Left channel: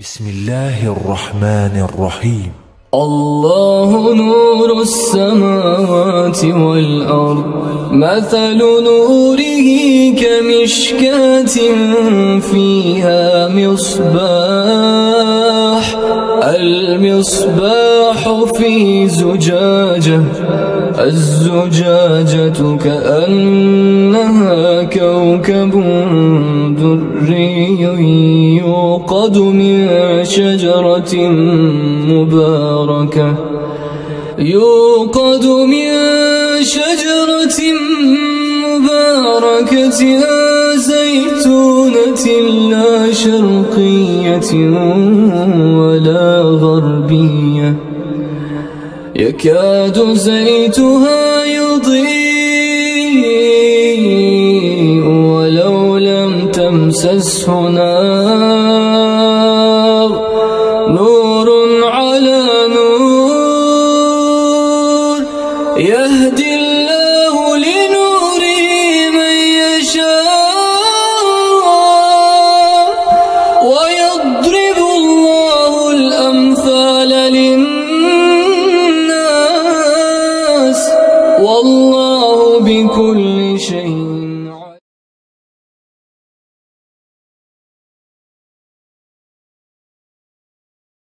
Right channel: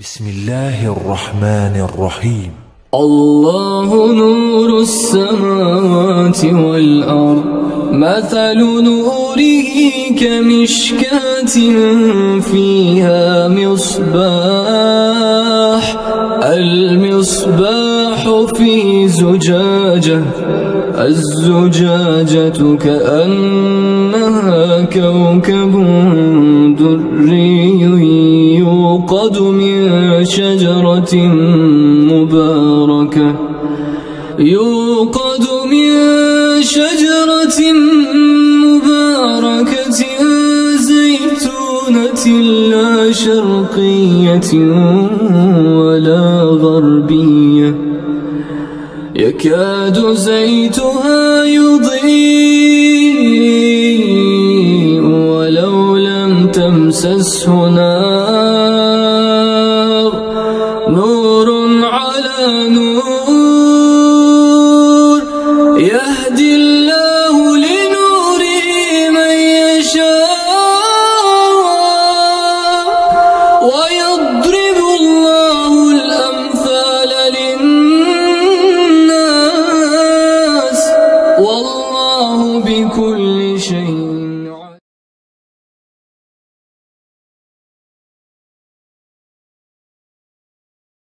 بسم الله الرحمن الرحيم. الله نور السماوات والأرض، مثل نوره كمشكاة فيها مصباح، المصباح في زجاجة، الزجاجة كأنها كوكب دري يوقد من شجرة مباركة زيتونة لا شرقية ولا غربية، يكاد زيتها يضيء ولو لم تمسسه نار، نور على نور، يهدي الله لنوره من يشاء، ويضرب الله الأمثال للناس، والله بكل شيء